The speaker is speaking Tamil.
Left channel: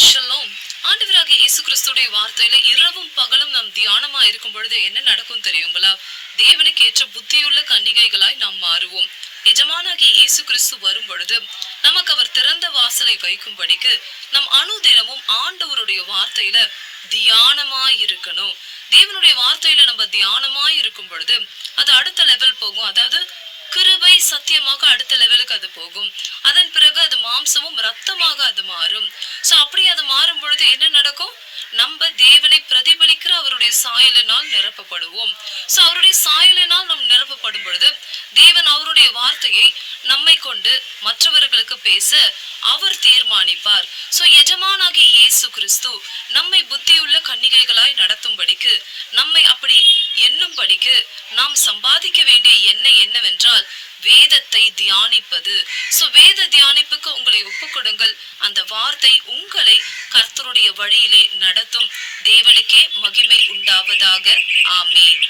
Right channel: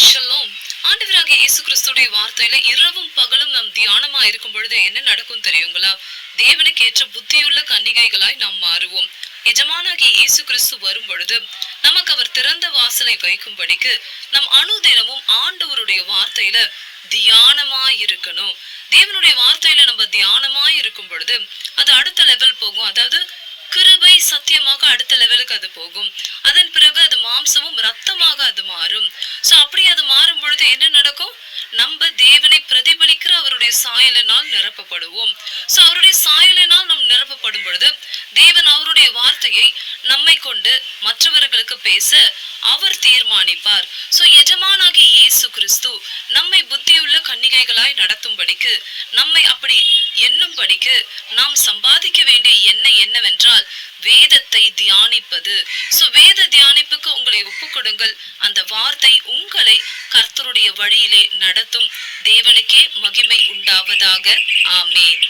ஷலோம். ஆண்டவராகிய இயேசு கிறிஸ்துடைய வார்த்தையில இரவும் பகலும் நாம் தியானமா இருக்கும் பொழுது என்ன நடக்கும் தெரியுங்களா? தேவனுக்கு ஏற்ற புத்தியுள்ள கன்னிகைகளாய் நாம் மாறுவோம். எஜமானாகிய இயேசு கிறிஸ்து வரும் பொழுது நமக்கு அவர் திறந்த வாசலை வைக்கும்படிக்கு நம் அனுதினமும் ஆண்டவருடைய வார்த்தையில தியானமாய் இருக்கணும். தேவனுடைய வார்த்தையில நம்ம தியானமாய் இருக்கும் பொழுது அது அடுத்த லெவல் போகும். அதாவது கிருபை சத்தியமாக அடுத்த லெவலுக்கு அது போகும். அதன் பிறகு அது மாம்சமும் ரத்தமாக அது மாறும். சோ அப்படி அது மாறும் பொழுது என்ன நடக்கும்? நம்ம தேவனை பிரதிபலிக்கிற அவருடைய சாயலினால் நிரப்பப்படுவோம். சோ அவருடைய சாயலினால் நாம் நிரப்பப்படும் பொழுது தேவன் அவருடைய வார்த்தையை நம்மை கொண்டு மற்றவர்களுக்கு பேச அவர் தீர்மானிப்பார். சோ எஜமானாகிய இயேசு கிறிஸ்து நம்மை புத்தியுள்ள கன்னிகைகளாய் நடத்தும்படிக்கு, நம்மை அப்படி எண்ணும்படிக்கு நாம் சம்பாதிக்க வேண்டிய எண்ணெய் என்னவென்றால் வேதத்தை தியானிப்பது. சோ வேத தியானிப்புக்கு உங்களை ஒப்புக்கொடுங்கள். அந்த வார்த்தை உங்களை கர்த்தருடைய வழியிலே நடத்தும். தேவனுக்கே மகிமை உண்டாவதாக. ஆமேன்.